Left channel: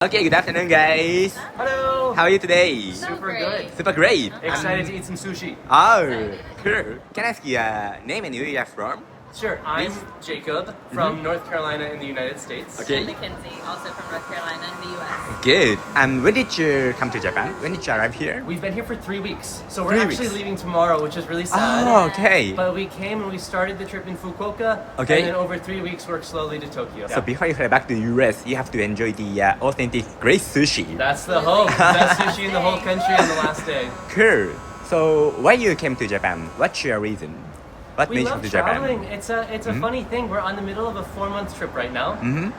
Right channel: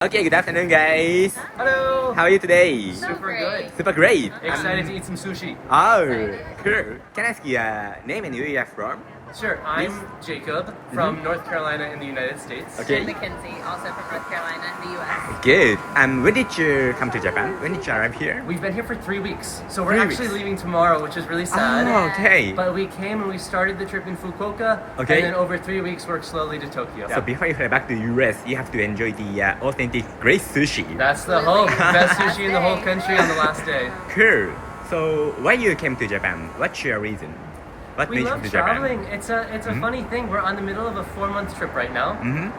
Okay, good afternoon, guys. Hello. How are you today? Super good. Super great. Excited to eat some sushi. Oh, cool. Can I ask you name and where you are from? Sure. I'm Jacob from North Carolina in the United States. Okay. And Mackenzie, also from North Carolina in the U.S. Good. When did you come to Japan? When did you arrive here? We've been here for 3 weeks, so we're 3 actually weeks. leaving tomorrow, which is really sad. Oh, okay. But we came and we started the trip in Fukuoka, Okay. and then over 3 weeks worked slowly to Tokyo. So before you fly back to the US, you have to enjoy the authentic great sushi. That's the Absolutely. hope. Best sushi in the whole Day. country on the last day. Cool. So why you came to Japan? What's your reason? What We made you love come to Japan? traveling. It's a funny thing. We're on the middle of a 4-month trip right now,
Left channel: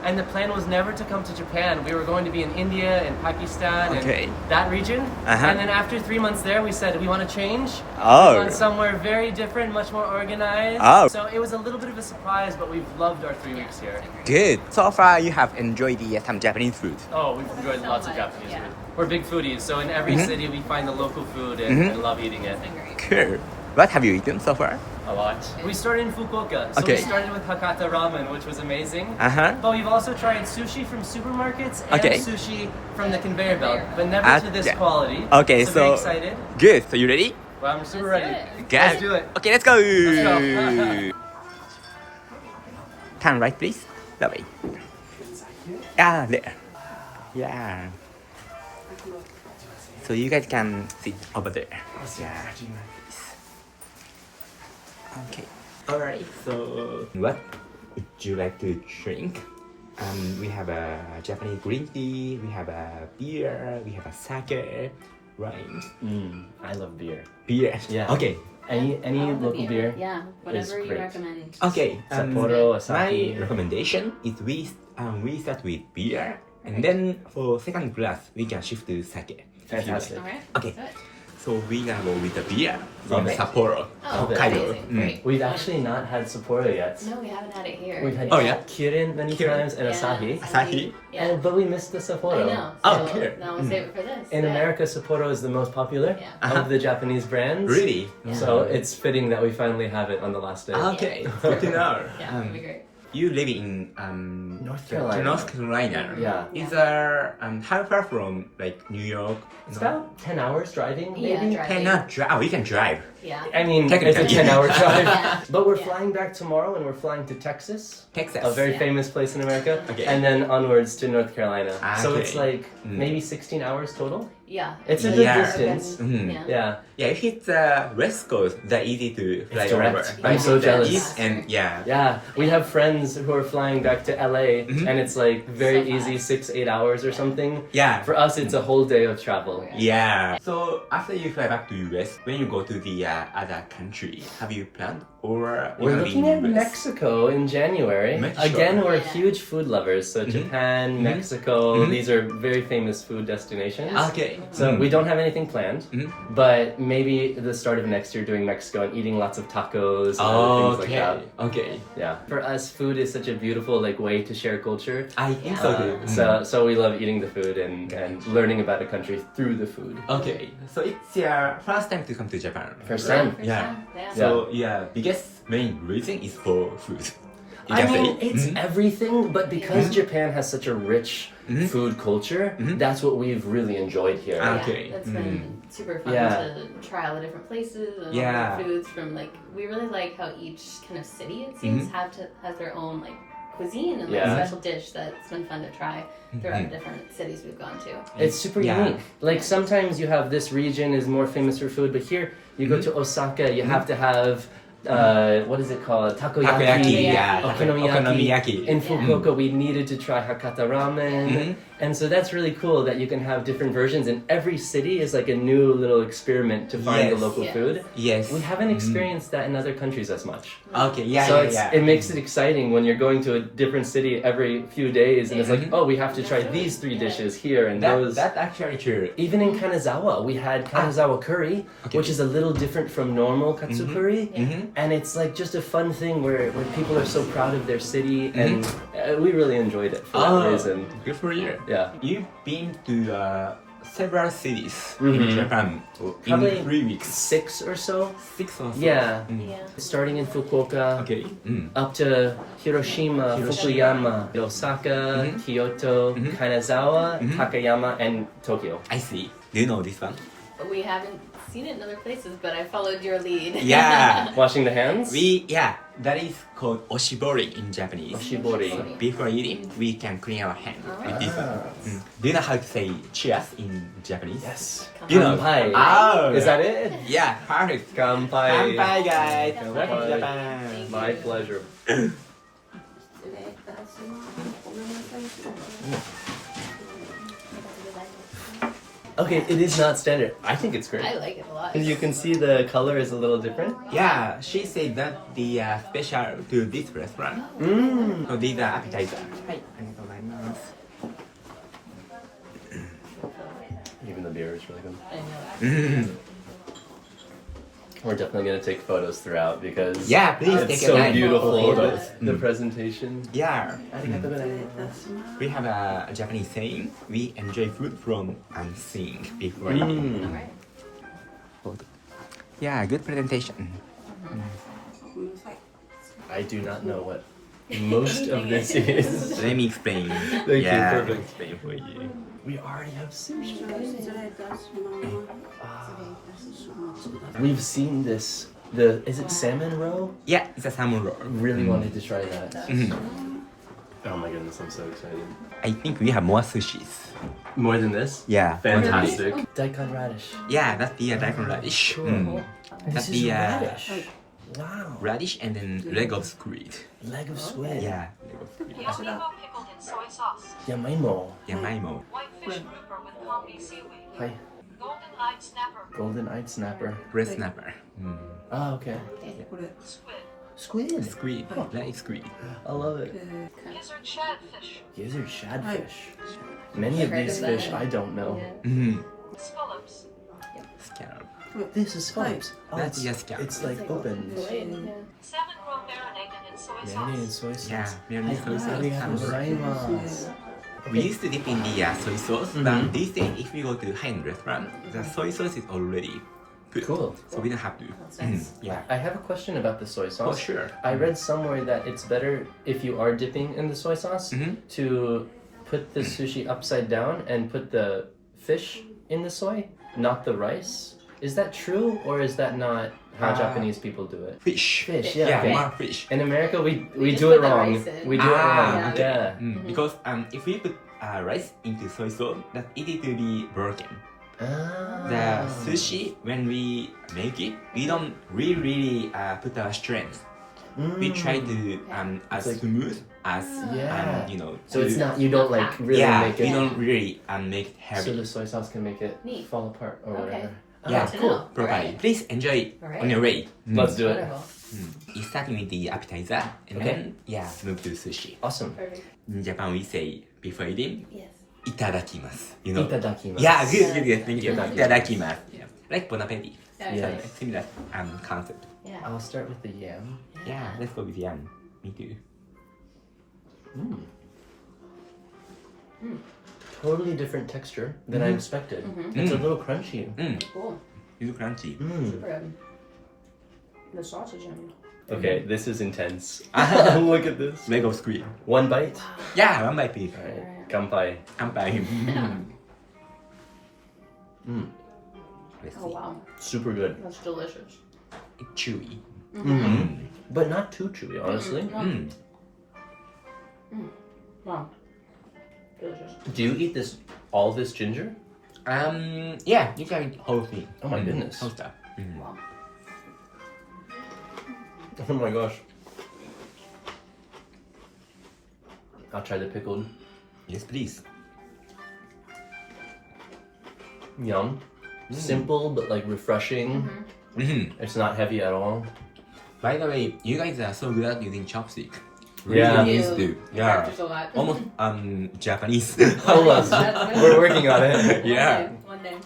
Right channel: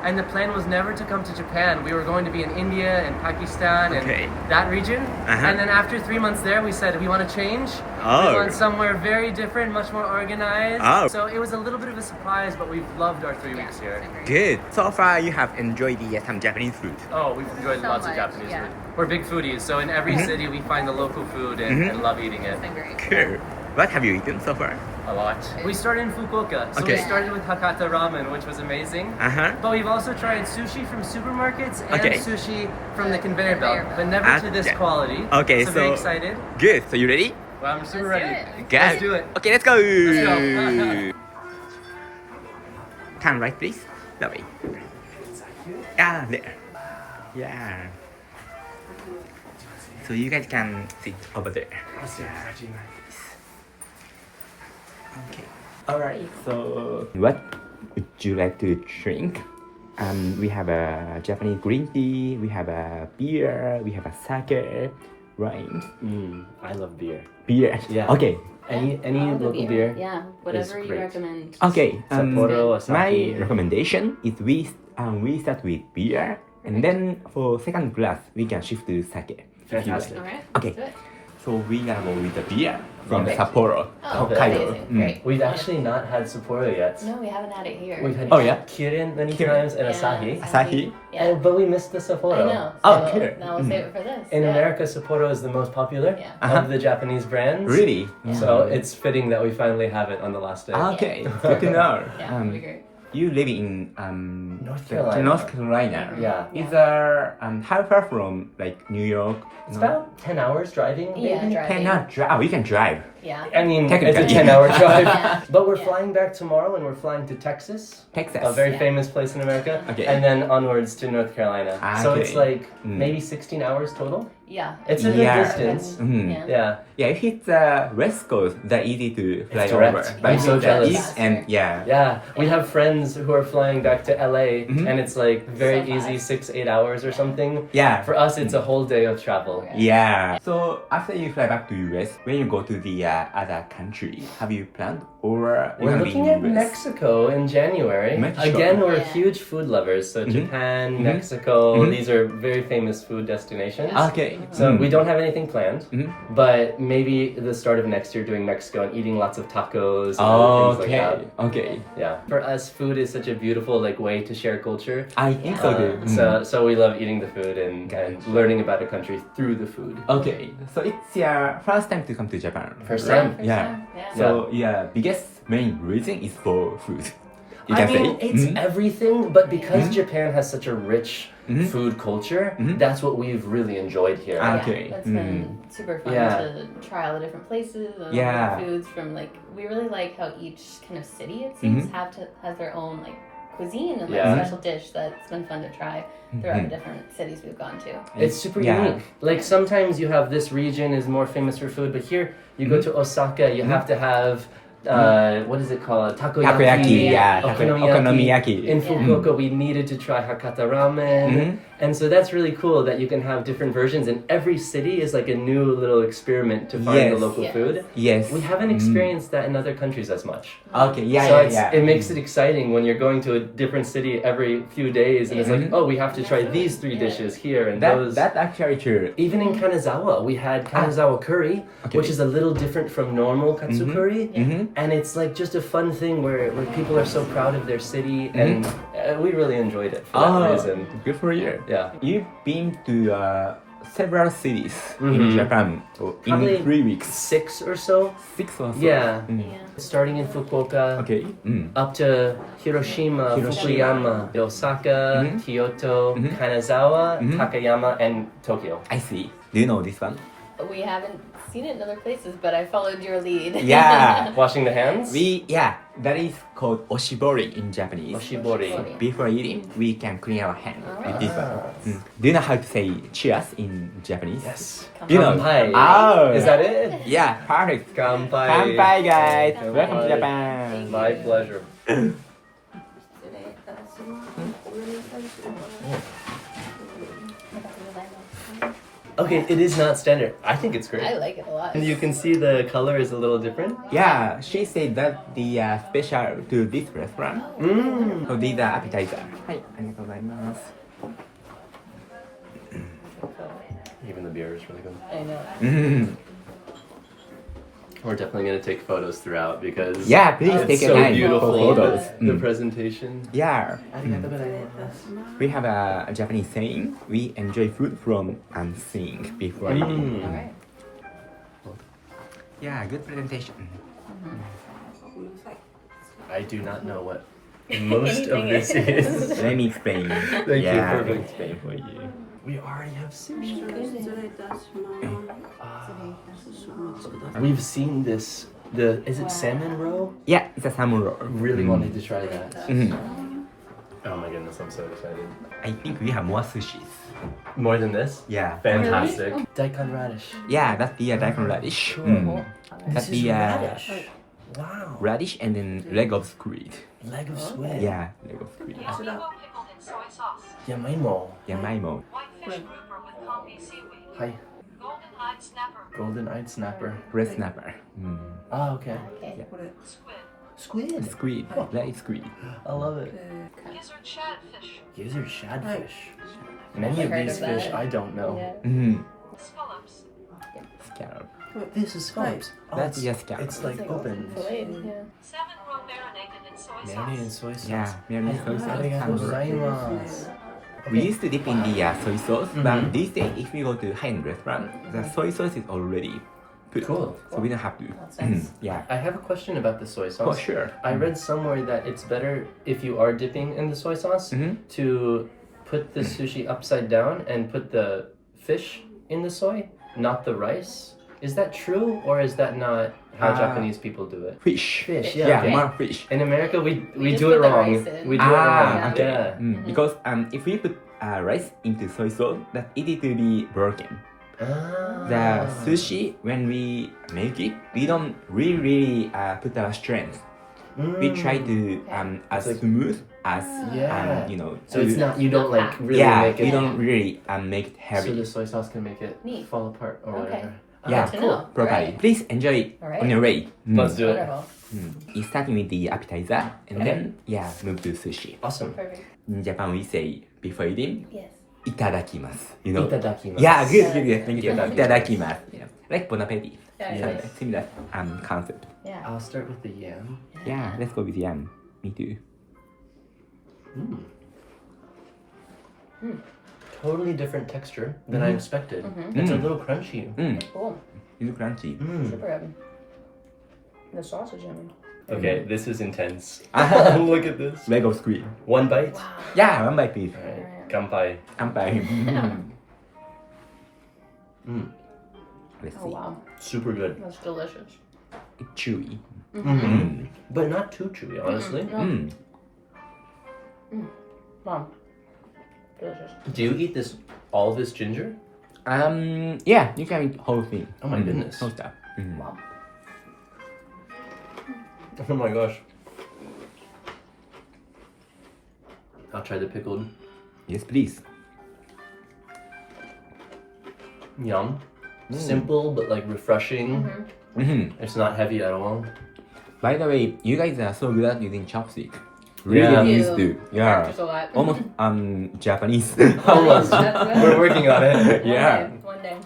and the plan was never to come to Japan. We were going to be in India and Pakistan Okay. and that region. Uh-huh. And then after 3 months there, we said we want to change. Oh. We want somewhere very different, much more organized. Oh. So it was a little bit of a surprise, but we've loved our 3 weeks here. Good. So far, you have enjoyed some Japanese food. Oh, we've enjoyed So lots of much, Japanese yeah. food. We're big foodies, so in every city we find the local food and love eating it. It's been great. Cool. What have you eaten so far? A lot. We started in Fukuoka, so we Okay. started with Hakata ramen, which was amazing. Uh-huh. But we've also tried sushi from supermarkets and Okay. sushi from the conveyor Conveyor belt, belt. but never to this Okay. quality. Okay, so very so- excited. Good. So you ready? Well, I'm super Let's do ready. it. Good. Let's do it. Okay, let's go. Let's Turn right, please. That way. Ah, there. Yeah. So you guys can sit over there. Yeah. Okay. All right. So what would you like to drink? We have a Japanese green tea. We have a beer. We have a sake. Right. I love beer. Beer. Yeah. Okay. Any local beer? Yeah, whatever you great. recommend. Okay. Sapporo, My Asahi. recommendation is we start with beer, and then for second glass we can shift to sake. Fantastic. All right. Okay. Let's do it. So we gonna go with the beer from Okay. Sapporo, Oh, Hokkaido. amazing. Great. We've actually not had Sapporo yet. No, we haven't had it here. We've had Oh, yeah? Kirin many Kirin. times and Yeah. Asahi. Asahi? Yeah. Oh, but we missed the Sapporo. I know. Oh, So here. now we'll save it for this. In yeah. America, Sapporo is the most popular Yeah. of the Japanese brands. Really? So it's fitting that we finally have it on the last day. Okay. Good to know. Yeah, it'd be great. You live in North Carolina. North Carolina. Yeah. Is how far from like New York? It's about 10 hours driving, maybe. Yeah, driving. Cannot drive. Oh, you can drive. Yeah. I mean, it's a Technically. 10-hour drive. Yeah. But we're Yeah. flying back tomorrow and we're flying to Texas, Texas. a very Yeah. famous place in America, Okay. and then onwards to North Carolina. So Okay. it's like Mm. maybe 16 hours total. Yeah. It's a good Yeah. distance. Mhm. Yeah. Yeah. Yeah, if it's West Coast, they're easy to fly It's direct. over. I'm But so if it's jealous. East and yeah. Yeah, we have friends who are flying back to LA, and it's like very So easy, fast. 6-8 hours or something. Yeah. For us, it's a whole day of travel. Yeah. So after you fly back to US, when you go to the other country, have you planned or you We're gonna be looking in at US? Mexico in January. Mexico. Again, we're Yeah. huge food lovers. So Japan, Mexico, these are very famous food destinations. Okay. So we don't have anything planned, Mhm. but maybe the start of next year doing Mexico and eating lots of tacos and other things like that. Okay. Yeah. For us, food is such a beautiful way to share culture. I think so too. So we love eating the food and learning about a country through the food. Okay. So it's your first time to come to Japan. First Yeah, time. first Yeah. time. Yeah. So your biggest main reason is for food. You I can mean, say. it's everything, but because Japan has such a rich food culture, that's what we've really enjoyed here. Ah. Yeah, Okay. That's been super fun Yeah. to try all the different places and all Yeah. the different foods from we really like how each kind of city it seems has their own cuisine and Yeah. special dish that's been fun to try throughout the different cities we've gone to. It's super Yeah. unique. Like sometimes you have this region is more famous for food, but here you go to Osaka, you have to have what is it called? Takoyaki. Takoyaki, yeah. Okonomiyaki. In Fukuoka, we needed to try Hakata ramen. And so that's really cool that you can have different versions, and every city is like a new little experiment to find the Yes. local Yes. food. Yes. We haven't experienced that in other countries as much. Okay. Yeah. So yeah. it makes it exciting when you're going to a different city every few days, and it's like, oh, we have to try these 3 dishes here and those. That's actually true. Even in Kanazawa, we had Kanazawa curry, which is a little different from normal katsu curry. And it's like just a fun thing where people are so proud of their city, and we really enjoyed it for that reason. Good for you. Yeah. You've been to several cities in Japan. So Probably in 3 weeks. 6 or so. 6 or so. Yeah. Yeah. Starting in Fukuoka, Okay. up to Hiroshima, Fukuyama, Osaka, Kyoto, Kanazawa, Takayama, and Tokyo. I see. Do you know this one? We haven't seen it in other places, but I followed your lead. Yeah. Washing the hands? That is called oshibori in Japanese. Oshibori. Before eating, we can clean our hand with this one. Do you know how to say cheers in Japanese? Yes. You know. Kanpai. Oh. Is that it? Yeah, perfect. Kanpai. Kanpai, guys. Kanpai. Welcome to Japan. My pleasure. Okay, it is not standard. I think it's great. I like it a lot. You can see the color is a little different. Yeah, she said that the special to this restaurant. So these are appetizer. はい、ありがとうございます。 Even the beer is really good. I know. We're definitely going to take photos throughout because Yeah, please it's take so your time beautiful. for photos. The presentation. Yeah. We have a Japanese saying, we enjoy food from seeing before eating. All right. Yeah, good presentation. I do not know what most of Anything this is. is. Let me explain. Thank you, yeah, perfect. let me explain for you. We already have sushi. 失礼いたします。 We've seen this. Is it salmon roe? Yeah, it's a salmon roll. Really wanted to try that. Mhm. Oh my goodness, I'm so excited. I think we have more sushis. More than this? Yeah. Fantastic. Daikon radish. Yeah, that's the daikon radish. Cool. That's This is the radish. Wow. radish and then leg of squid. Leg of squid. Yeah, leg of squid. Yamaimo pickled in soy sauce. Yamaimo. Yamaimo. Whitefish grouper with combi seaweed. Hi. Golden-eyed snapper. Golden-eyed snapper. Red snapper. Oh, okay. Squid. Squid. Squid. That is squid. I love it. Gizzard shadfish. These are shadfish. Many of Heard these of fish that. I don't know. Mm-hmm. Scallops. Scallop. This is scallops. That's just scallop. It's like opened. Filleted, yeah. Salmon roe marinated in soy Marinated in sauce. soy sauce. Yeah, marinated soy sauce. Arigatou gozaimasu. We used to dip in the soy sauce, but these days, if we go to high-end restaurant, the soy sauce is already put. Cool. So we don't have to. That's nice. Yeah. I have a question about the soy sauce. Oh, sure. I read somewhere that it's better if you are dipping in the soy sauce to put the sushi upside down and put the fish in the soy, not the rice. Is that true or is that not how Japanese people do it? Fish. Fish, Yeah, yeah. Okay. more fish. In America, we just do it put the wrong. rice in. We do it wrong. okay. Yeah. Because if we put rice into soy sauce, that's easy to be broken. The sushi, when we make it, we don't really put our strength. We try to as like- smooth as Yeah. So to- it's not, you don't like really yeah, make we it, don't really make it so heavy. the soy sauce can make it Neat. fall apart or Okay. whatever. Yeah, Good to cool. know. Properly. Alright. Please enjoy it Alright. on your way. Let's do it. Wonderful. It's starting with the appetizer and then move to sushi. Awesome. Perfect. In Japan we say before eating, Yes. itadakimasu. You know? Itadakimasu. Yeah, good. Thank you. Itadakimasu. Itadakimasu. Yeah. Like bon appetit. Yeah. Yeah. Similar concept. Yeah. I'll start with the yam. Yeah, let's go with yam. Me too. Totally different texture than I expected. It's a little crunchy. Cool. It's crunchy. Super good. The sausage yummy. Okay, this is intense. Look at this. Leg of squid. One bite. Yeah, one bite please. Alright, Kanpai. Kanpai. Let's Oh see. wow. Super good. That's delicious. It's chewy. But not too chewy, honestly. Wow. Delicious. Do you eat this all this ginger? Yeah, you can eat whole thing. Oh my goodness. Whole stuff. Wow. Oh my gosh. I'll try the pickled Yes, please. yum. Simple but like refreshing. It's not heavy at all. By the way, you guys are so good at using chopstick. Yeah. Really used to. You Yeah. practice a lot. Almost Japanese. Almost. That's good. We're working on it. Yeah. One day.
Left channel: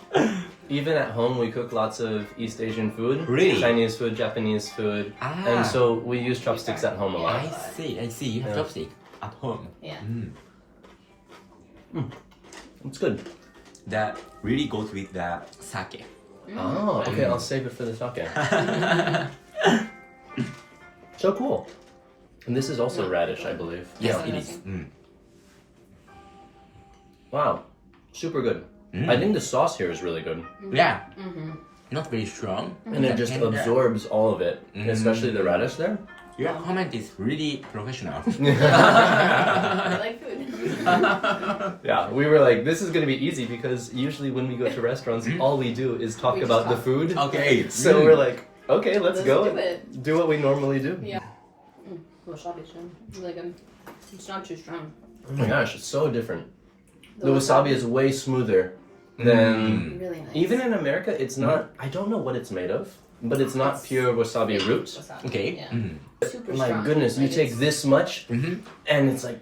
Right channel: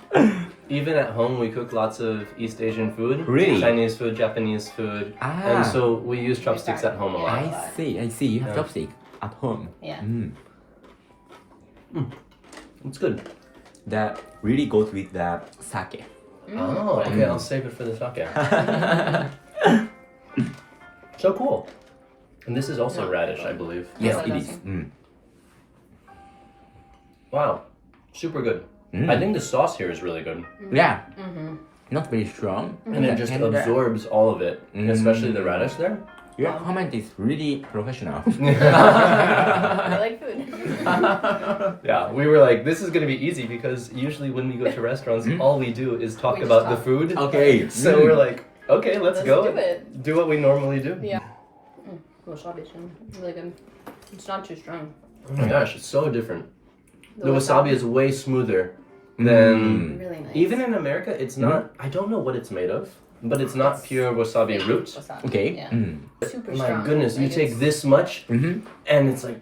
Even at home, we cook lots of East Asian food. Really? Chinese food, Japanese food. Ah. And so we use chopsticks at home a lot. I see. You have Yeah. chopstick at home. Yeah. It's good. that really goes with the sake. Oh, okay. I'll save it for the sake. So cool. And this is also radish, I believe. Yes, Yeah, it that's is. it. Wow. Super good. I think the sauce here is really good. Yeah. Not very strong. And it just absorbs all of it, especially the radish there. Your comment is really professional. I like food. Yeah, we were like, this is going to be easy because usually when we go to restaurants, all we do is talk We just about the talk. food. Okay. So we're like, okay, let's go. do it. Do what we normally do. Yeah. Wasabi too. Really good. It's not too strong. Oh my gosh, it's so different. The wasabi is way smoother than... Really nice. Even in America, it's not... I don't know what it's made of, but it's not pure wasabi root. Wasabi. Okay. Yeah. Mm. Super My strong. goodness, you Like, take it's- this much, and it's like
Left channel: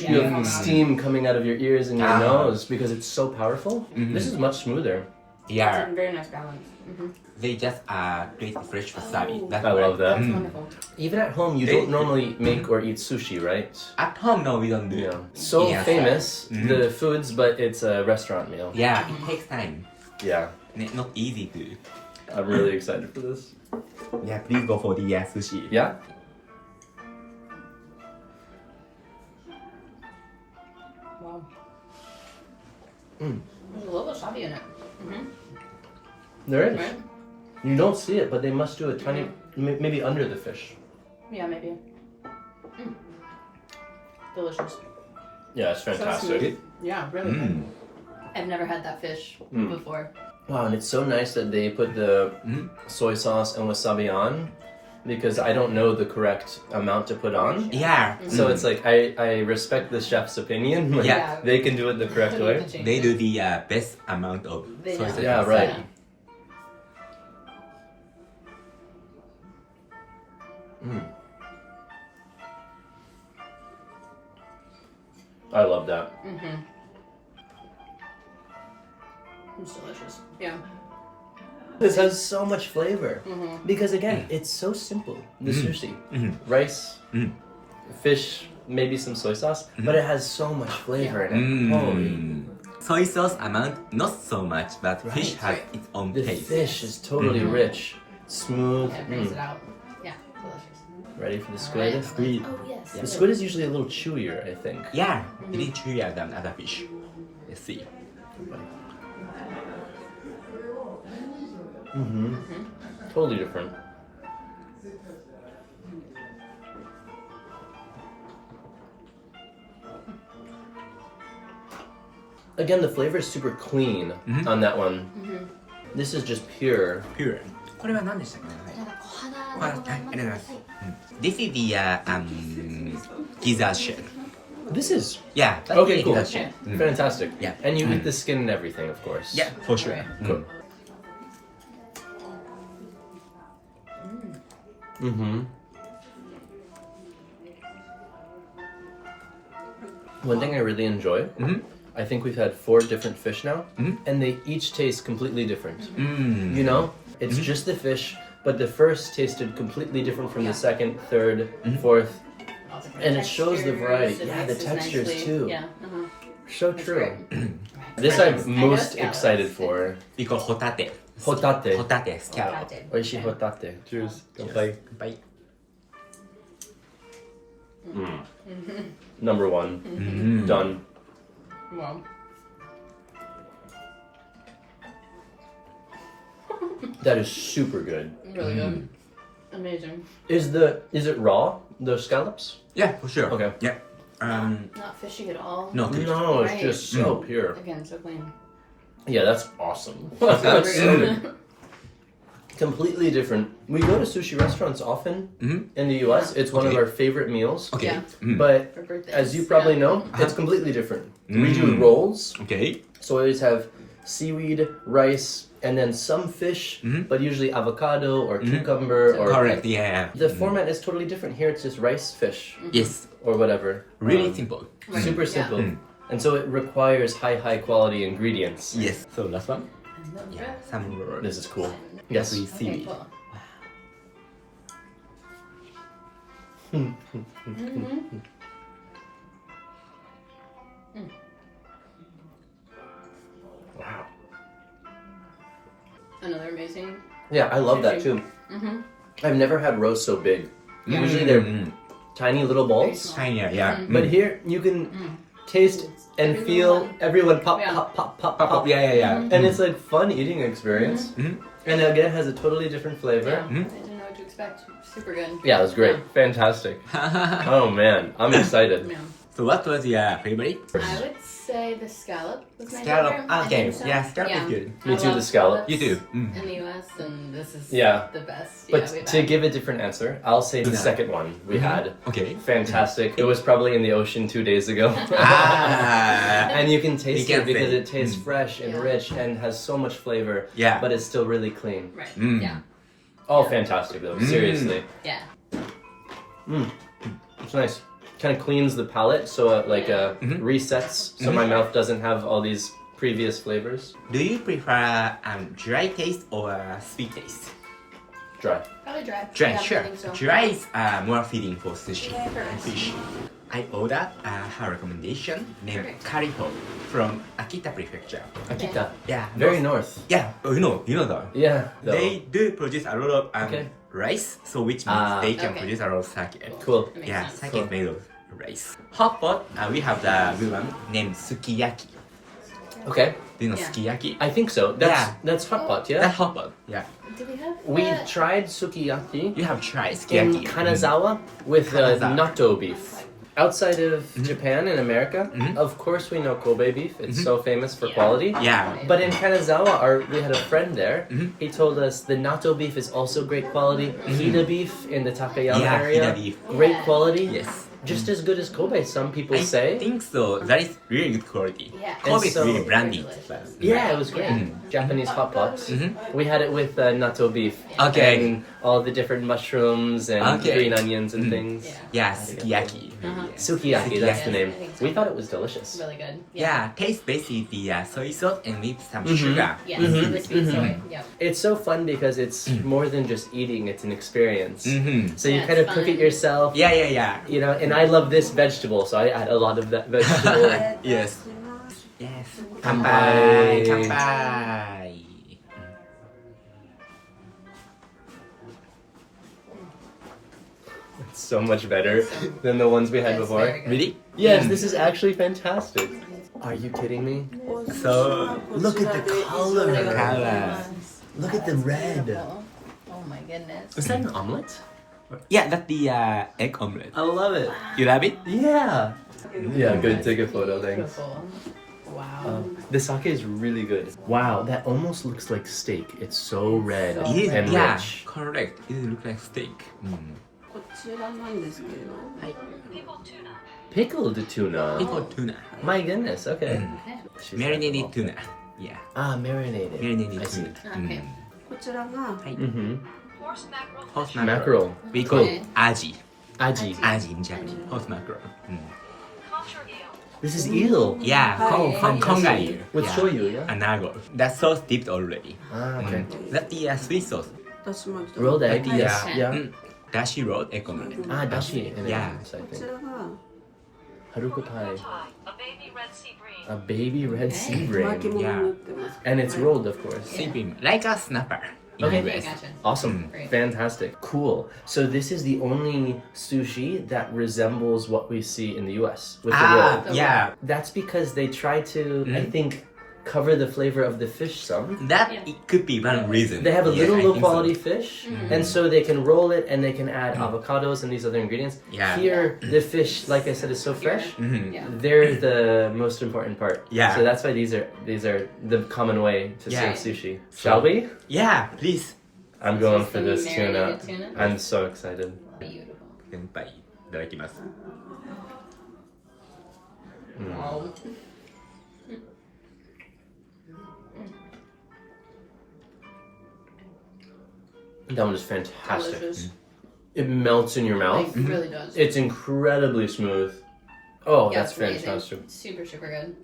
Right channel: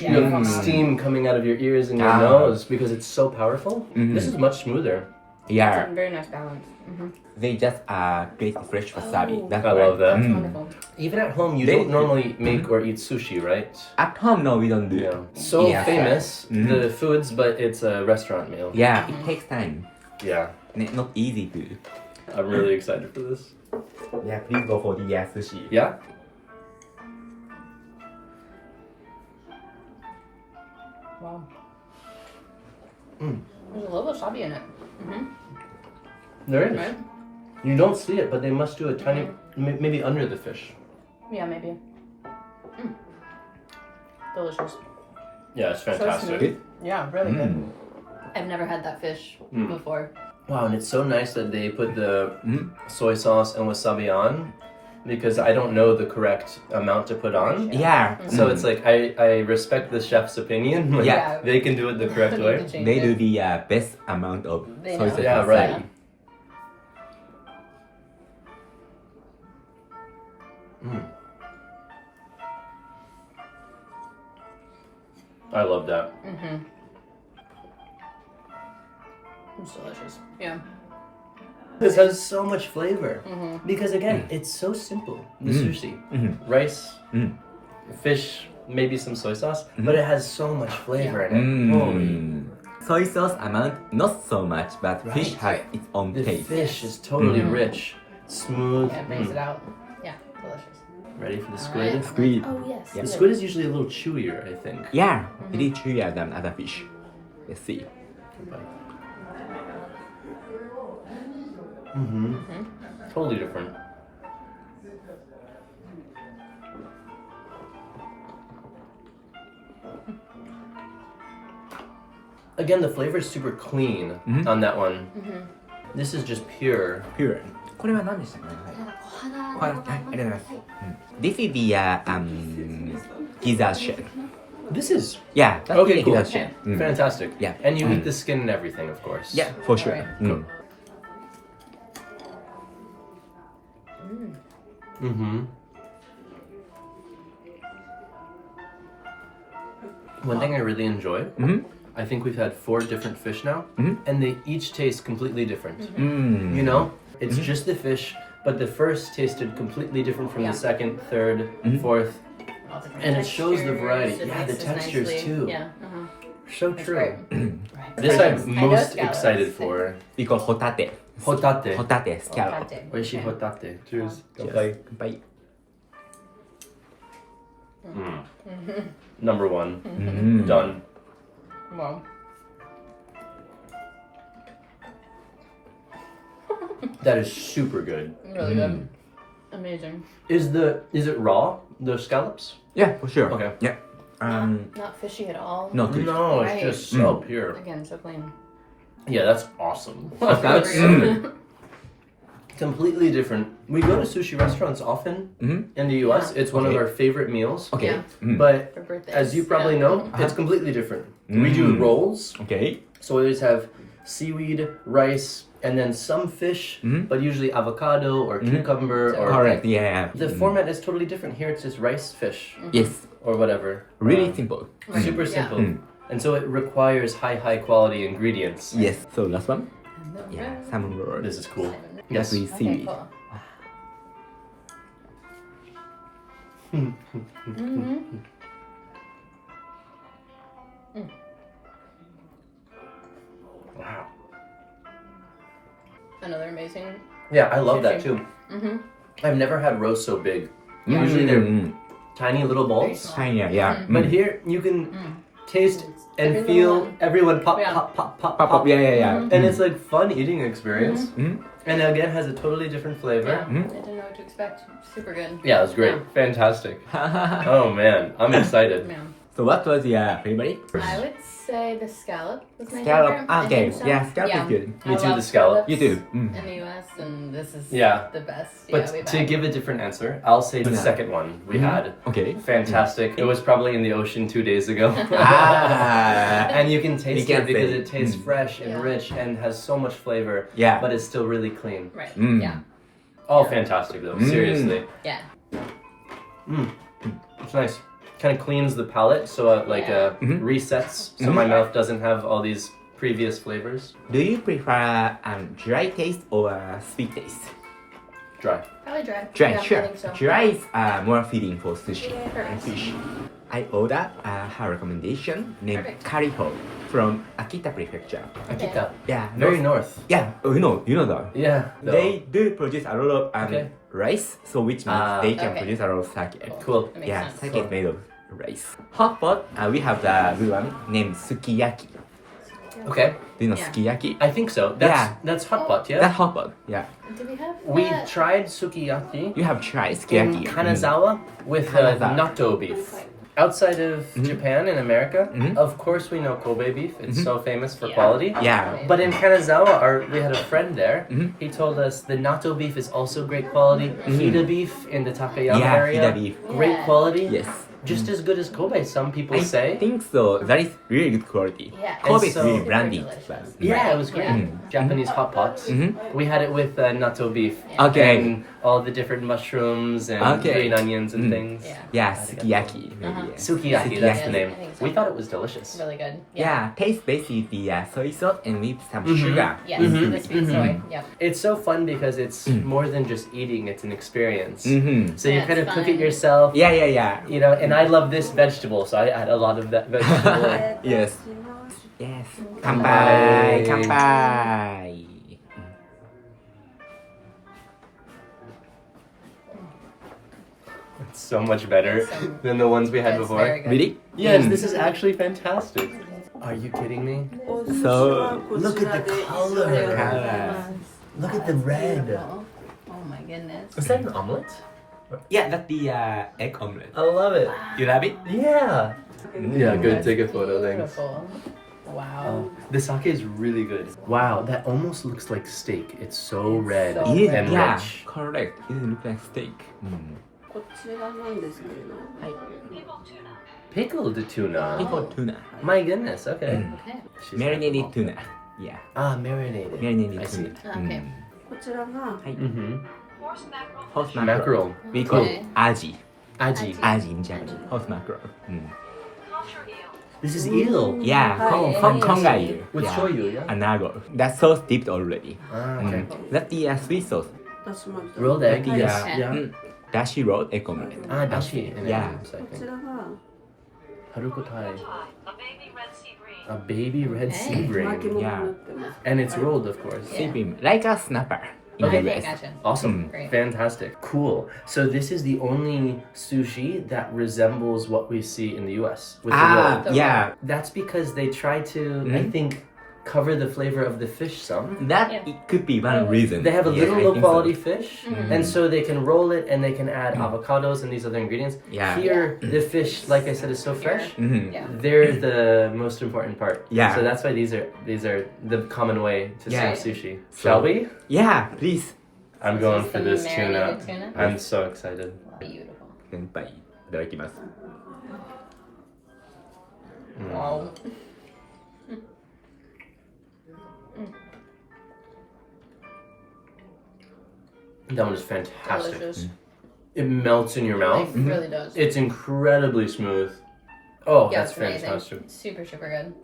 you have steam coming out of your ears and your nose because it's so powerful. This is much smoother. It's Yeah. a very nice balance. They just grate fresh wasabi. Oh. That's I love that. It's wonderful. Even at home, you They- don't normally make or eat sushi, right? At home, no, we don't do. Yeah. So Yes. famous, the foods, but it's a restaurant meal. Yeah, it takes time. Yeah. Not easy to. I'm really excited for this. Yeah, please go for the sushi. Yeah? Wow. There's a little wasabi in it. There is. Right? You don't see it, but they must do a tiny, maybe under the fish. Yeah, maybe. Delicious. Yeah, it's fantastic. smooth. Yeah, really good. I've never had that fish before. Wow, and it's so nice that they put the soy sauce and wasabi on because I don't know the correct amount to put on. Yeah. So it's like I respect the chef's opinion. Like, Yeah. They can do it the correct You way. can change They it. do the best amount of They soy know. sauce. Yeah, right. I love that. It's delicious. Yeah. This has so much flavor because again, it's so simple. The sushi, rice, fish, maybe some soy sauce, but it has so much flavor in it. Holy, Soy sauce amount, not so much, but fish has Right. its own the taste. fish is totally rich, smooth. Yeah, it brings it out. Yeah, delicious. Ready for the All squid? right. Squid. Oh, yes. The squid is usually a little chewier, I think. Yeah, it is chewier than other fish. Let's see. Totally different. Again, the flavor is super clean on that one. This is just pure. Pure. これは何でしたっけね、はい、はい、ありがとうございます。This is the gizzard shell. This is Yeah, that's okay. the Cool, gizzard shell. fantastic. Yeah. and you eat the skin and everything, of course. Yeah, for sure. Right. Mm. One thing I really enjoy. I think we've had 4 different fish now, and they each taste completely different. You know, it's just the fish, but the first tasted completely different from the second, third, fourth. All different And it shows the textures, variety. it Yeah, the mixes textures nicely. too. Yeah. So That's true. great. This Scallops. I'm I know most scallops. excited for. We call hotate. Hotate. Hotate, scallop. Okay. Oishi hotate. Cheers. Kanpai. Bye. Number 1. Done. Wow. That is super good. Really good. Amazing. Is it raw? The scallops? Yeah, for sure. Okay. Yeah. Not fishy at all. No fish. No, it's Right. just so pure. Again, so clean. Yeah, that's awesome. Super That's so good. completely different. We go to sushi restaurants often in the US. It's one of Okay. our favorite meals. Okay. Yeah. But For birthdays. as you probably yeah. know, it's completely different. We do rolls, Okay. so we always have seaweed, rice, and then some fish, but usually avocado or cucumber or Correct. Yeah. the format is totally different. Here it's just rice, fish, Yes. or whatever. Really simple. Right. Super Yeah. simple. And so it requires high quality ingredients. Yes. So last one. And then Yeah. really- Salmon roll. This is cool. Yes. Yes. With Okay, seaweed. cool. Wow. another amazing. Yeah, I love that Sushi. too. Mm-hmm. I've never had roast so big. Usually they're tiny little balls. Tiny, yeah. But here you can taste and Every feel little one. everyone pop, Yeah. pop, pop, pop, Pop, pop. pop, yeah. And it's like fun eating experience. And again, has a totally different flavor. Yeah, I didn't know what to expect. Super good. Yeah, it was great. Fantastic. Oh man, I'm excited. Yeah. So what was your favorite? I would say the scallop was my Scallop. favorite. I Okay, think so. yeah, scallop is good. Me I too, love the scallop. scallops You do. in the US, and this is Yeah. the best. But yeah, we've to had. give a different answer, I'll say the second one we had. Okay. Fantastic. It was probably in the ocean 2 days ago. Ah. And you can taste You it can because say. it tastes fresh and Yeah. rich and has so much flavor. Yeah. But it's still really clean. Right. Mm. Yeah. Oh, fantastic though. Seriously. Yeah. It's nice. Kind of cleans the palate, so resets, so my mouth doesn't have all these previous flavors. Do you prefer dry taste or sweet taste? Dry. Probably dry. Dry, Yeah, sure. I think so. Dry is more fitting for sushi Sure. and fish. I ordered her recommendation named Perfect. Kariho from Akita Prefecture. Akita. Yeah, Very north. Yeah, you know though. Yeah. They do produce a lot of Okay. rice, so which means Ah. they can Okay. produce a lot of sake. Cool. That makes Yeah, sense. sake is made of rice. Hot pot, we have the good one named sukiyaki. Okay. Do you know Yeah. sukiyaki? I think so. Yeah. That's hot pot, That yeah? hot pot, yeah. Did we have We that? tried sukiyaki You have tried in sukiyaki. Kanazawa with Kanazawa. natto beef. Outside of Japan and America, Mhm. of course we know Kobe beef. It's so famous for Yeah. quality. Yeah. But in Kanazawa, we had a friend there. Mhm. He told us the natto beef is also great quality. Hida beef in the Takayama Yeah, area, Hida beef. great Yeah. quality. Yes. Just as good as Kobe, some people I say. think so. That is really good quality. Yeah. Kobe is And so- really branded. Delicious. Yeah, it was great. Yeah. Japanese hot pots. Mhm. We had it with natto beef. Okay. And all the different mushrooms and Okay. green onions and things. Yeah. Yeah, sukiyaki. Sukiyaki, that's the Yes, name. I think so. We thought it was delicious. Really good. Yeah, taste basically the soy sauce and with some sugar. Yes, Mhm. the sweet soy. Yep. It's so fun because it's more than just eating, it's an experience. Mm-hmm. So you Yeah, kind of it's cook it fun. yourself. Yeah. You know, and I love this vegetable, so I add a lot of that vegetable. Yes. Yes. Kanpai. Kanpai. It's so much better than the ones we had It's before. very good. Really? Yes, this is actually fantastic. Are you kidding me? So, look at the color. Color. Look at the red. Beautiful. Oh my goodness. Is that an omelet? Yeah, that's the egg omelet. I love it. You love it? Yeah. Yeah, good. Take a photo, thanks. Beautiful. Wow. The sake is really good. Wow, that almost looks like steak. It's so red so Yeah, and yeah, rich. correct. It looks like steak. こちらなんですけれど、 People tuna. Pickled tuna. Pickled tuna. My goodness. Okay. Okay. She's Marinated tuna. Yeah, Ah, marinated. marinated I see. tuna. Okay. こちらが Mm-hmm. Horse mackerel. Horse fish. mackerel. Mackerel. We call Okay. it aji. Aji. Aji in Japanese. Horse mackerel. Kosher eel. This is eel. Yeah, Okay. kongai. With yeah. shoyu, yeah? Anago. That sauce dipped already. Ah, okay. That's the sweet sauce. 出しました。 Rolled egg. Yeah. Yes. Yeah. Dashi rolled egg omelet. Ah, dashi. And Yeah. eggs, I こち think. らが Harukotai. A baby red sea bream. A baby red sea 巻 bream. 物になってます。 And it's rolled, of course. Yeah. Seaweed, like a snapper. in Okay. the Okay, US. gotcha. Awesome. Great. Fantastic. Cool. So this is the only sushi that resembles what we see in the US with the roll. The yeah. That's because they try to, I think, cover the flavor of the fish some. That Yeah. it could be one reason. They have a Yeah, little I low think so. quality fish, and so they can roll it and they can add avocados and these other ingredients. Yeah. Here, the fish, like I said, is so fresh. Mhm. Yeah. They're the most important part. Yeah. So that's why these are the common way to Yeah. serve sushi. Shall we? Yeah, please. I'm going This is for the this tuna. marinated tuna? I'm so excited. Beautiful. 先輩いただきます。 Wow. That one is fantastic. Delicious. It melts in your mouth. Like, really does. It's incredibly smooth. Oh, Yeah, that's it's amazing. fantastic. Super, super good.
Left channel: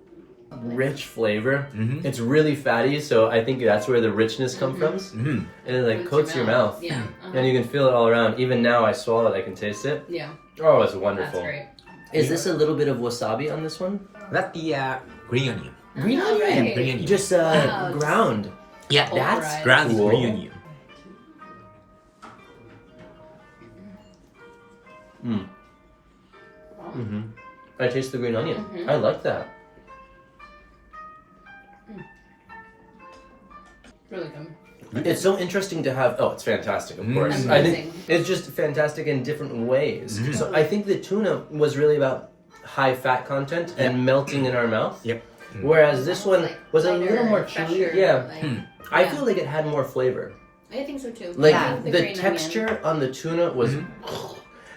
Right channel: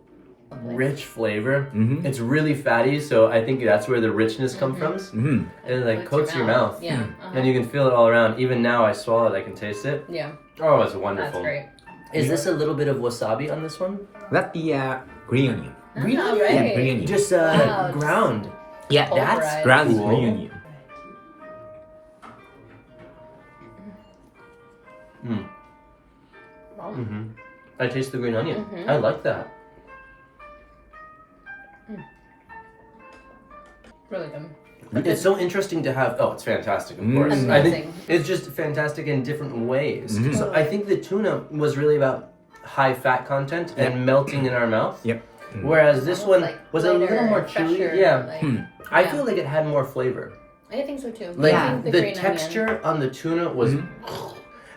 Rich flavor. Mhm. It's really fatty, so I think that's where the richness comes from. Mhm. It like coats your mouth. Yeah. And you can feel it all around. Even now, I swallow it, I can taste it. Yeah. Oh, it's That's wonderful. great. Is this a little bit of wasabi on this one? That's the green onion. Green Ah, onion. right. Green onion. Just Wow. ground. Yeah, that's pulverized. ground Cool. green onion. Wow. I taste the green onion. I like that. Really good. It's so interesting to have. Oh, it's fantastic, of course. Amazing. I think it's just fantastic in different ways. So I think the tuna was really about high fat content and melting in our mouth. Yep. Whereas this one Like was a lighter, little more chewy. fresher, Yeah, like- I yeah. feel like it had more flavor. I think so too. Like I think the green texture on the tuna was,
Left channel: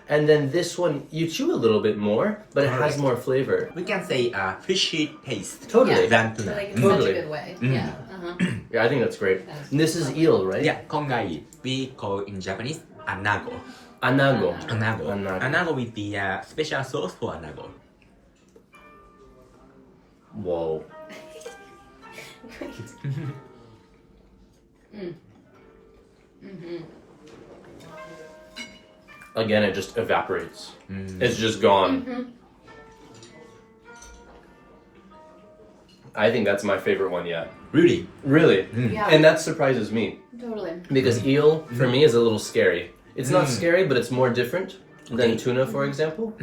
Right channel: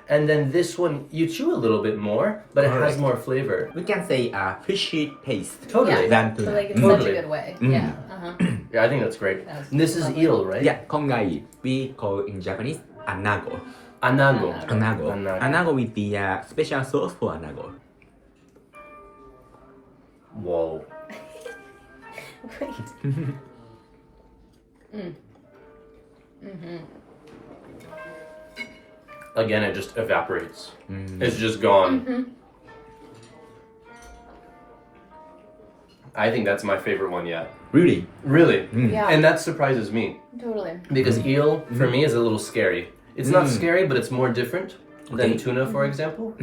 and then this one you chew a little bit more, but it has Correct. more flavor. We can say fishy taste Totally. than Onion. So tuna. like it's Totally. such a good way. Yeah. Yeah, I think that's great. That's And this is lovely. eel, right? Yeah, kongai. We call in Japanese anago. Anago. Anago. Anago. Anago with the special sauce for anago. Whoa. Again, it just evaporates. It's just gone. I think that's my favorite one yet. Really? Really. Yeah. And that surprises me Totally. because eel for me is a little scary. It's not scary, but it's more different than Okay. tuna, for example.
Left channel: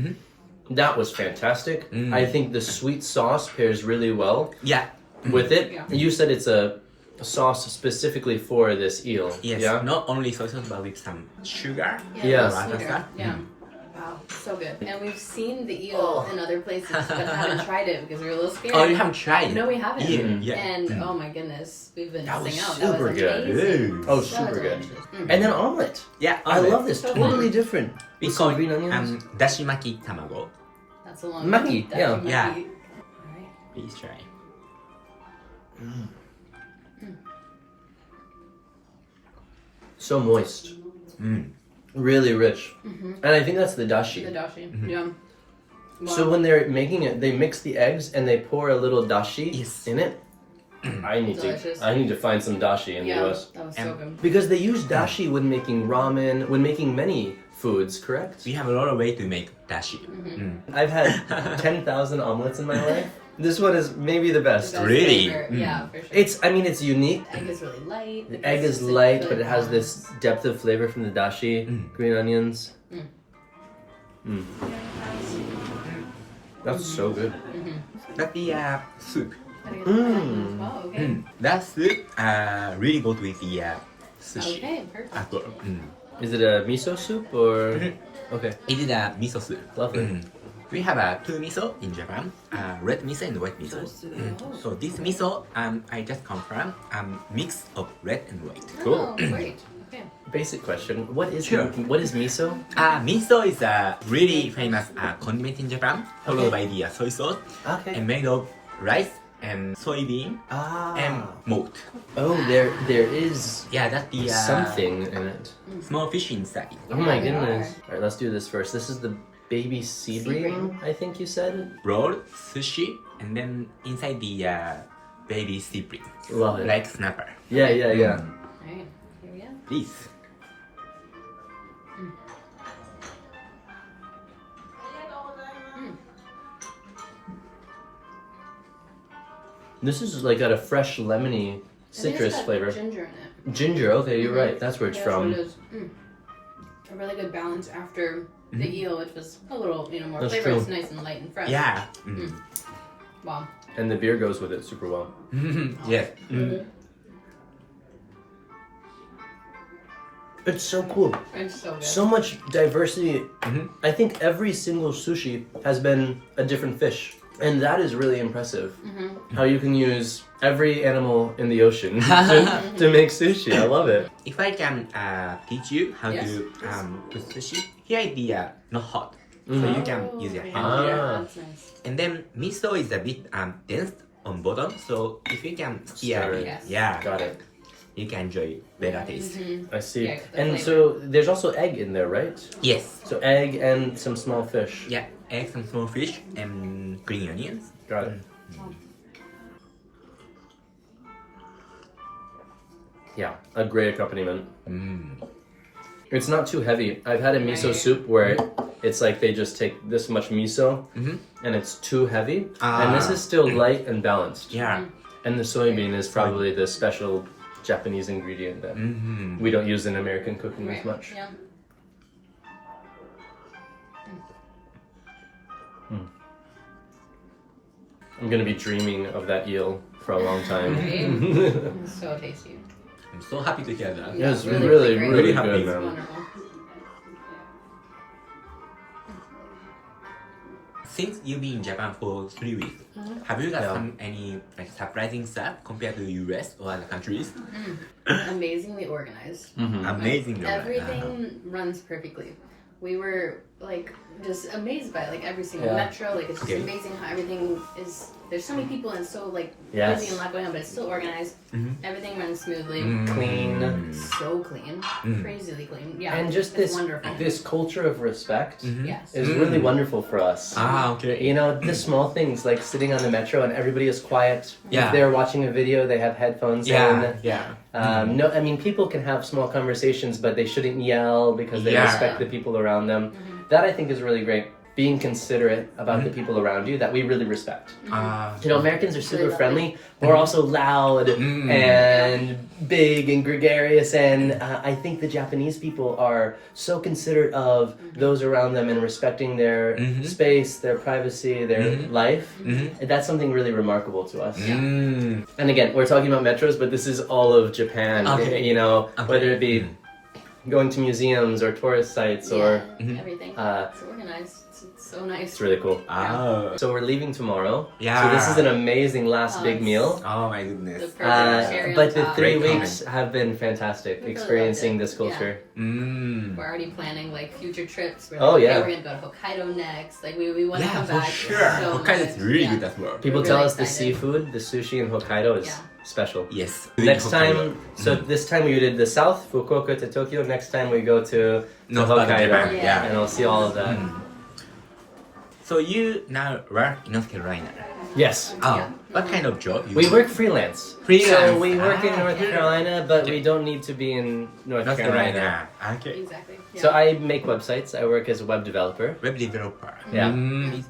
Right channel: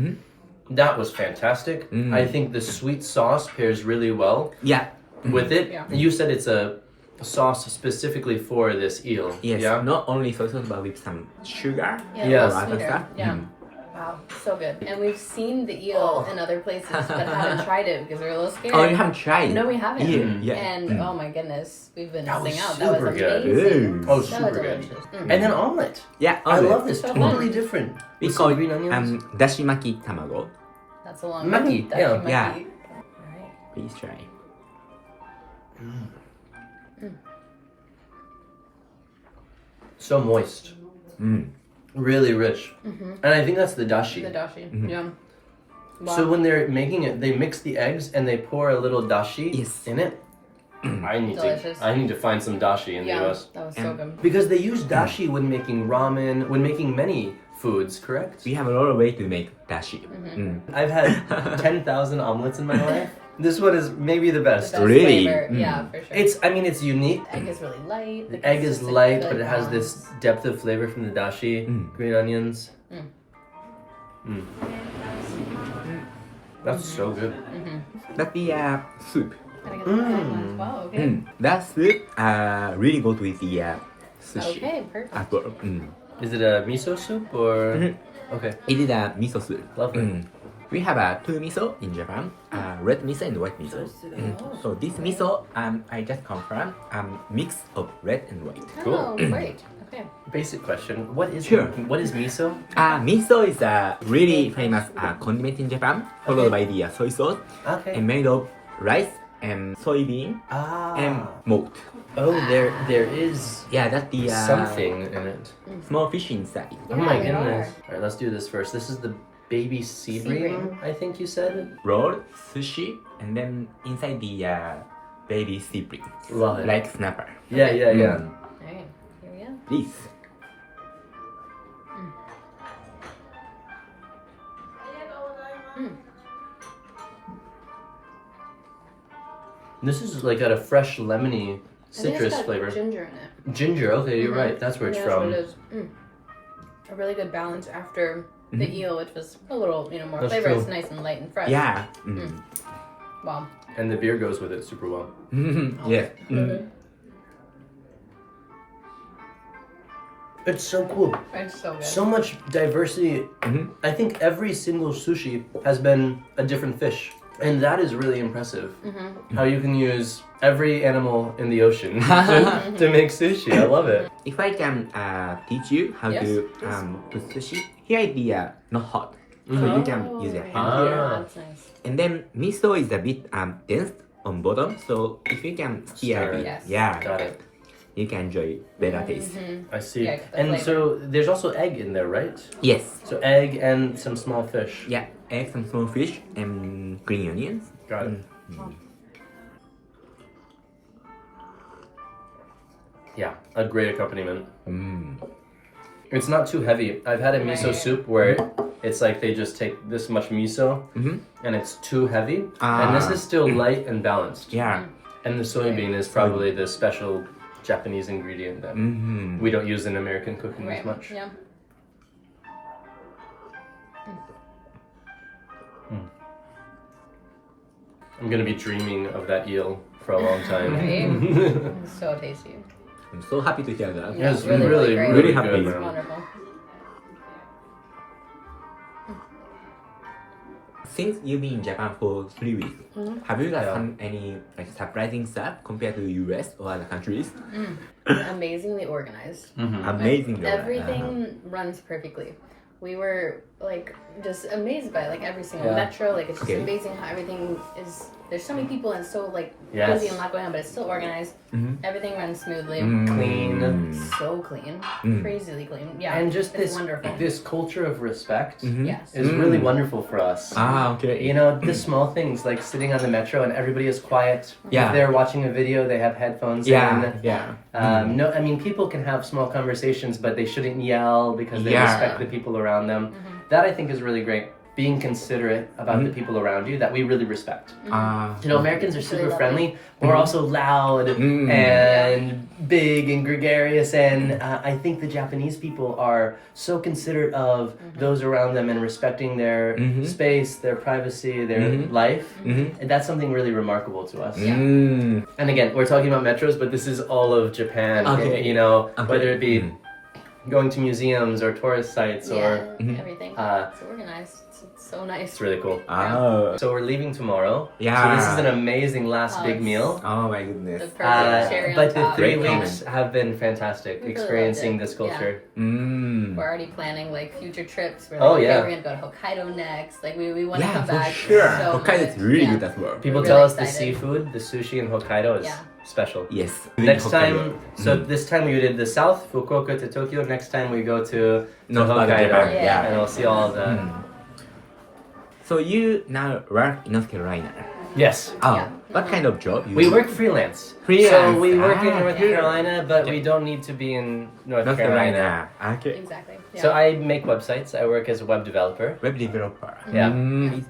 That was fantastic. I think the sweet sauce pairs really well Yeah. with it. Yeah. You said it's a sauce specifically for this eel. Yes. Yeah. Not only soy sauce, but with some sugar. Yeah. Yeah. it's sweeter. Stuff. Yeah. Wow. So good. And we've seen the eel in other places, but haven't tried it because we're a little scared. Oh, you haven't tried? No, we haven't. Yeah. And oh my goodness, we've been That was missing out. That super was good. amazing. Oh, So super good. delicious. And then omelet. Yeah. I love this. So Totally good. different. We With call some green onions. dashimaki tamago. That's a long Maki, That's yeah. a maki. Yeah. All right. Please try. So moist. Really rich. And I think that's the dashi. The dashi. Yeah. Wow. So when they're making it, they mix the eggs and they pour a little dashi Yes. in it. Delicious. I need to find some dashi in yeah, the US. that was so good. Because they use dashi when making ramen, when making many foods, correct? We have a lot of way to make dashi. I've had 10,000 omelets in my life. This one is maybe the The best. best Really? flavor. Yeah, for sure. It's unique. egg is really light. The egg is light, but it has this depth of flavor from the dashi, green onions. That's so good. That's the soup. Wow. Okay. That soup really goes with the sushi Okay. Perfect. as well. Is it a miso soup or? Okay. It is a miso soup. Lovely. We have two miso in Japan, red miso and white miso. So this miso, I just confirm, mix of red and white. Oh, great. Okay. Basic question. What is Sure. what is miso? Miso is a really famous condiment in Japan, followed by the soy sauce, Okay. and made of rice and soybean and malt. Oh, there is Yeah, that's the something in it. small fish inside. Oh my Yeah, they goodness. are. All right, let's do this first. This is the baby sea bream, I think you said. Roll, sushi, and then inside the baby sea bream, Love it. like snapper. Yeah, yeah, yeah. All right. Here we go. Please. This is like got a fresh lemony I think it's citrus got flavor. Ginger in it. Ginger. Okay, you're right. That's where it's Yeah, from. That's what it is. A really good balance after the eel, which was a little, more That's flavor. true. It's nice and light and fresh. Yeah. Wow. And the beer goes with it super well. Yeah. It's so cool. It's so good. So much diversity. I think every single sushi has been a different fish. And that is really impressive. How you can use every animal in the ocean to make sushi. I love it. If I can teach you how Yes. to put sushi, here is the not hot, so you can use your hand here. Yeah, that's nice. And then miso is a bit dense on bottom, so if you can stir Stir it, it. Yes. yeah, Got it. you can enjoy better taste. I see. Yeah, the And flavor. so there's also egg in there, right? Yes, So egg and some small fish. yeah, egg, some small fish, and green onions. Got it. Yeah, a great accompaniment. It's not too heavy. I've had a miso soup where it's like they just take this much miso and it's too heavy. And this is still light and balanced. Yeah, And the soybean is probably the special Japanese ingredient that Mm-hmm. we don't use in American cooking Right. as much. Yeah. I'm gonna be dreaming of that eel for a long time. Right? It's so tasty. I'm so happy to hear that. Yeah, it's really, really, great. really happy. good, It's man. wonderful. Since you've been in Japan for 3 weeks, have you got Yeah. any like surprising stuff compared to US or other countries? Amazingly organized. Amazing. though, right? Everything runs perfectly. We were like just amazed by like every single Yeah. metro. Like it's just Okay. amazing how everything is. There's so many people and so like Yes. busy and a lot going on, but it's still organized. Everything runs smoothly. Clean. So clean, crazily clean. Yeah, And just it's this wonderful. this culture of respect Yes. is really wonderful for us. Ah, okay. You know, the small things like sitting on the metro and everybody is quiet. Yeah. If they're watching a video, they have headphones Yeah, in. yeah. No, I mean, people can have small conversations, but they shouldn't yell because they Yeah. respect the people around them. That I think is really great. Being considerate about the people around you that we really respect. You know, Americans are super Really friendly, but we're also loud and big and gregarious. And I think the Japanese people are so considerate of those around them and respecting their space, their privacy, their life. And that's something really remarkable to us. Mm. And again, we're talking about metros, but this is all of Japan. Okay. You know, Okay. whether it be going to museums or tourist sites or everything. It's organized. It's so nice. it's really cool. Oh. So we're leaving tomorrow. Yeah. So this is an amazing last big it's- meal. Oh my The goodness. perfect cherry But on the top. 3 Great weeks have been fantastic, really experiencing loved it. this culture. Mm. We're already planning like future trips. We're Oh, like, okay, yeah. we're gonna go to Hokkaido next. Like we want to Yeah, come for back. sure. So Hokkaido is much. really Yeah. good as well. People We're tell really us the excited. seafood, the sushi in Hokkaido is Yeah. special. Yes. Next Hokkaido. time, so this time we did the south, Fukuoka to Tokyo. Next time we go to North part of Hokkaido, Japan, yeah. and we'll see all of that. So you now work in North Carolina. Yes, Oh, Yeah. what kind of job? You we do? work freelance. Freelance. So we work in Ah, North okay. Carolina, but we don't need to be in North North Carolina. Carolina. Okay. Exactly. Yeah. So I make websites. I work as a web developer. Web developer. Yeah.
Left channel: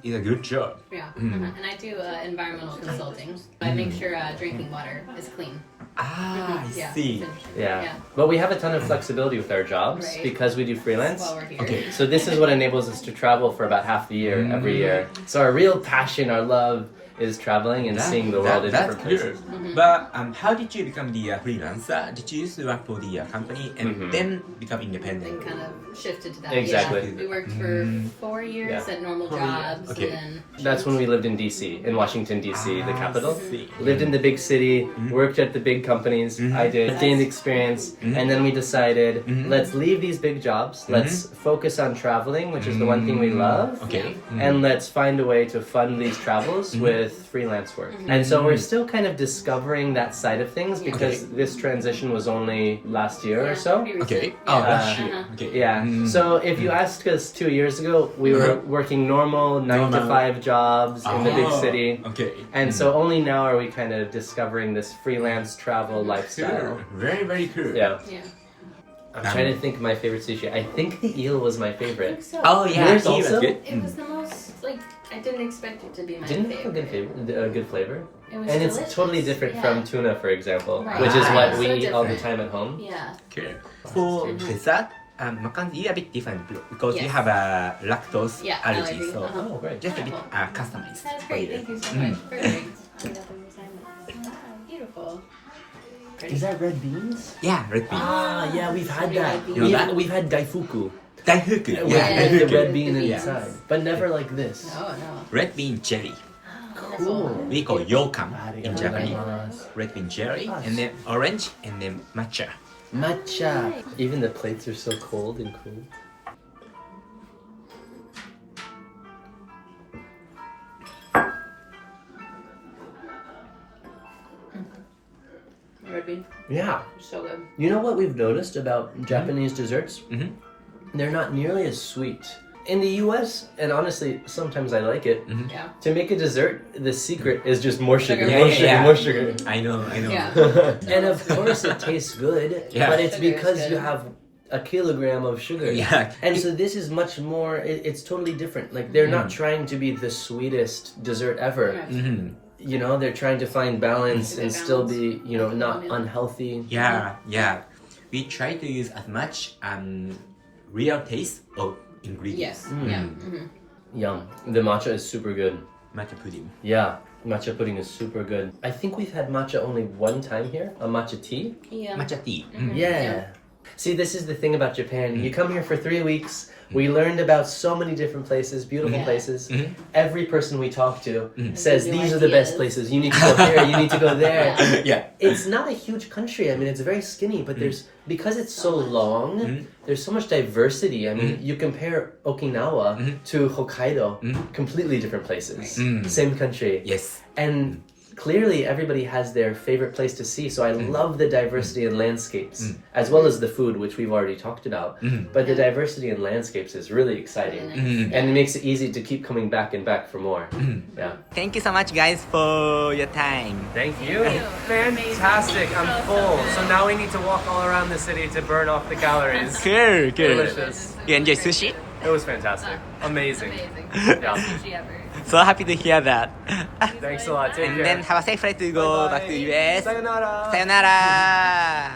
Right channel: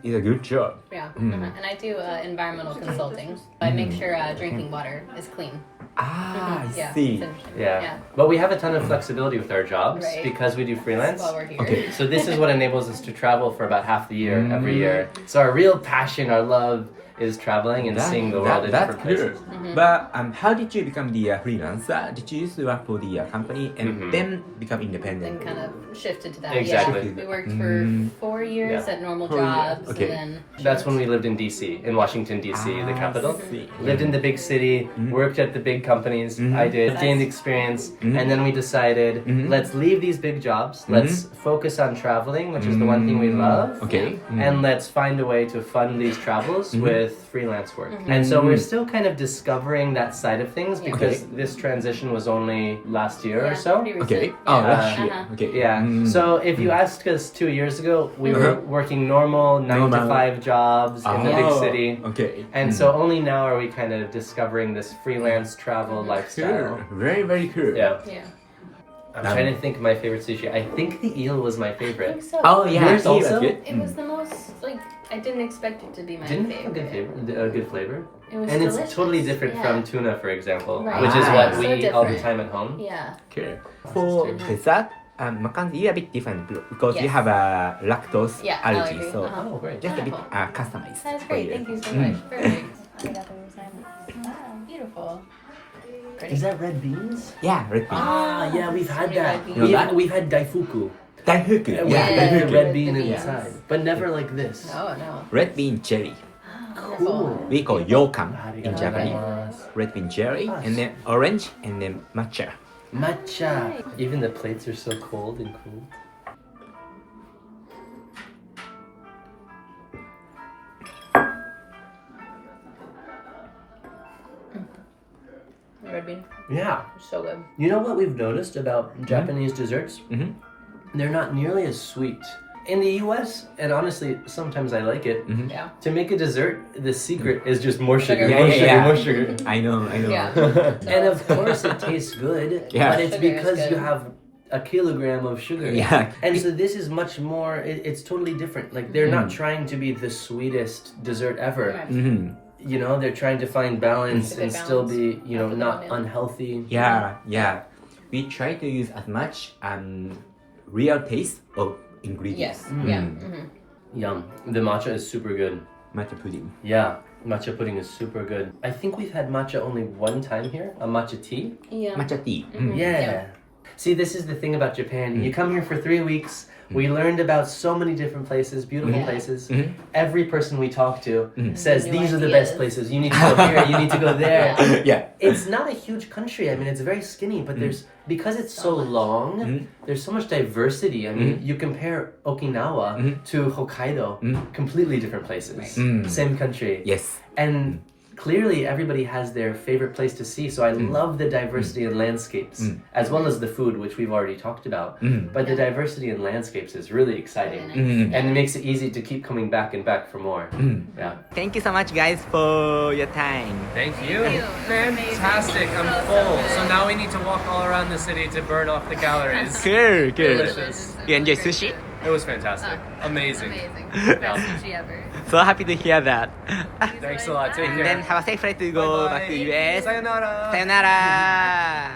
It's a good job. Yeah. And I do environmental consulting. I make sure drinking water is clean. Ah, I Yeah. see. it's interesting. Yeah. But we have a ton of flexibility with our jobs Right. because we do freelance. While we're here. Okay. So this is what enables us to travel for about half the year every year. So our real passion, our love is traveling and seeing the world in that's different places. good. But how did you become the freelancer? Did you used to work for the company and then become independent? And kind of shifted to that. Exactly. Yeah. We worked for 4 years Yeah. at normal 4 years. jobs. Okay. And then That's when we lived in DC, in Washington DC, the capital. see. Lived in the big city, worked at the big companies. I did, gained experience, and then we decided, let's leave these big jobs. Let's focus on traveling, which is the one thing we love. Okay. And let's find a way to fund these travels with freelance work. And so we're still kind of discovering that side of things because this transition was only last year or so. pretty recent. Okay. Yeah. Oh, last year. Okay. Yeah. So if you asked us 2 years ago, we were working normal 9 to Normal. 5 jobs in the big Oh, city. Okay. And so only now are we kind of discovering this freelance travel lifestyle. Cool. Very, very cool. Yeah. Yeah. I'm trying to think of my favorite sushi. I think the eel was my I think favorite. so. Oh, yeah. Yours he was also? good. It was the most like I didn't expect it to be my Didn't it have favorite. a good flavor? It was And it's delicious. totally different Yeah. from tuna, for example, Right. which is Ah, what so we eat all the different. time at home. Yeah. Okay. For dessert, Mackenzie, you're a bit different because you Yes. have a lactose Yeah, allergy, allergy. so Uh-huh. Oh, great. just a bit Wonderful. customized. That's for great. you. Thank you so much. Perfect. Wow, beautiful. Pretty. Is that red beans? Yeah, red bean. Ah, yeah, we've had Red that. beans. You know that? We've had daifuku. Daifuku. With Yeah, Yeah. the daifuku. red bean The beans. inside, but never like this. Oh no. Red bean jelly. Wonderful. We call yokan in Arigatou Japanese. gozaimasu. Red bean jelly, Nice. and then orange, and then matcha. Matcha. Even the plates are so cold and cool. Red bean. Yeah. So good. You know what we've noticed about Japanese desserts? Mhm. They're not nearly as sweet. In the US, and honestly, sometimes I like it, Yeah. to make a dessert, the secret is just more sugar, Sugar. more Yeah, sugar, yeah. more sugar. I know. Yeah. And of course it tastes good, Yeah. but it's Sugar is because you good. have a kilogram of sugar. Yeah. And so this is much more, it's totally different. Like they're not trying to be the sweetest dessert ever. Right. Mhm. you know, they're trying to find balance and still be, you know, not unhealthy. Yeah, yeah. We try to use as much real taste of ingredients. Yes. Yeah. Mm-hmm. Yum. The matcha is super good. Matcha pudding. Yeah, matcha pudding is super good. I think we've had matcha only one time here, a matcha tea. Yeah. Matcha tea. Yeah. See, this is the thing about Japan. You come here for 3 weeks. We learned about so many different places, beautiful Yeah. places. Every person we talk to says, New these are the best ideas. places. You need to go here, you need to go there. Yeah. It's not a huge country. I mean, it's very skinny, but there's, because it's so long, there's so much diversity. I mean, you compare Okinawa to Hokkaido, completely different places. Same country. Yes. And clearly everybody has their favorite place to see, so I love the diversity in landscapes, as well as the food, which we've already talked about. But the diversity in landscapes is really exciting. Very nice. And it makes it easy to keep coming back and back for more. Yeah. Thank you so much, guys, for your time. Thank you. Thank you. Fantastic. I'm So full. good. So now we need to walk all around the city to burn off the calories. Cool, cool. Delicious. You enjoy sushi? It was fantastic. Amazing. Amazing. Yeah. Best sushi ever. So happy to hear that. Thanks a lot. Take And care. then have a safe flight to go back to US. Sayonara. Sayonara.